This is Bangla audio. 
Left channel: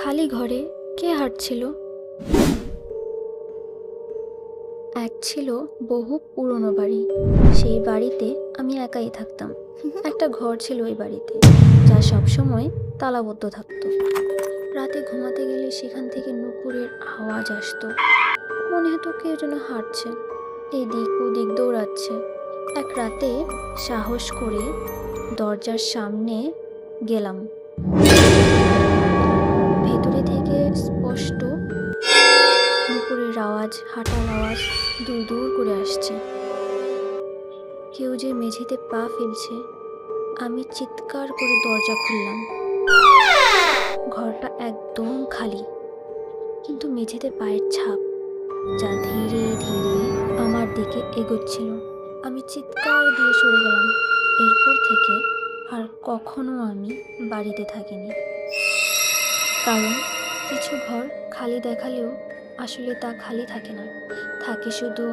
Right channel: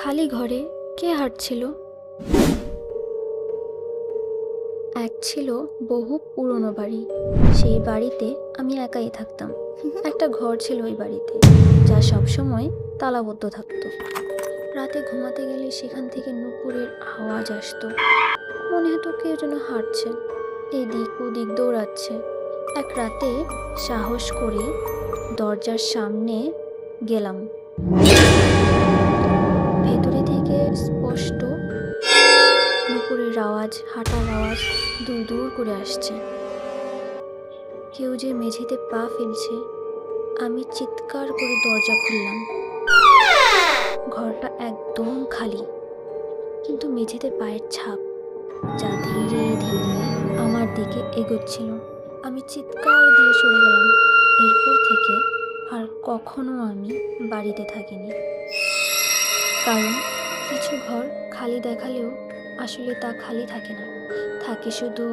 খালি ঘরে কে হাঁটছিল? এক ছিল বহু পুরনো বাড়ি। সেই বাড়িতে আমি একাই থাকতাম। একটা ঘর ছিল ওই বাড়িতে, যা সবসময় তালাবদ্ধ থাকতো। রাতে ঘুমাতে গেলে সেখান থেকে নুপুরের আওয়াজ আসতো। মনে হতো কেউ যেন হাঁটছে, এদিক ওদিক দৌড়াচ্ছে। এক রাতে সাহস করে দরজার সামনে গেলাম। ভেতরে থেকে স্পষ্ট নুপুরের আওয়াজ, হাঁটার আওয়াজ দূর দূর করে আসছে। কেউ যে মেঝেতে পা ফেলছে। আমি চিৎকার করে দরজা খুললাম। ঘরটা একদম খালি, কিন্তু মেঝেতে পায়ের ছাপ, যা ধীরে ধীরে আমার দিকে এগোচ্ছিল। আমি চিৎকার দিয়ে সরে গেলাম। এরপর থেকে আর কখনো আমি বাড়িতে থাকিনি। কারণ কিছু ঘর খালি দেখালেও আসলে তা খালি থাকে না, থাকে শুধু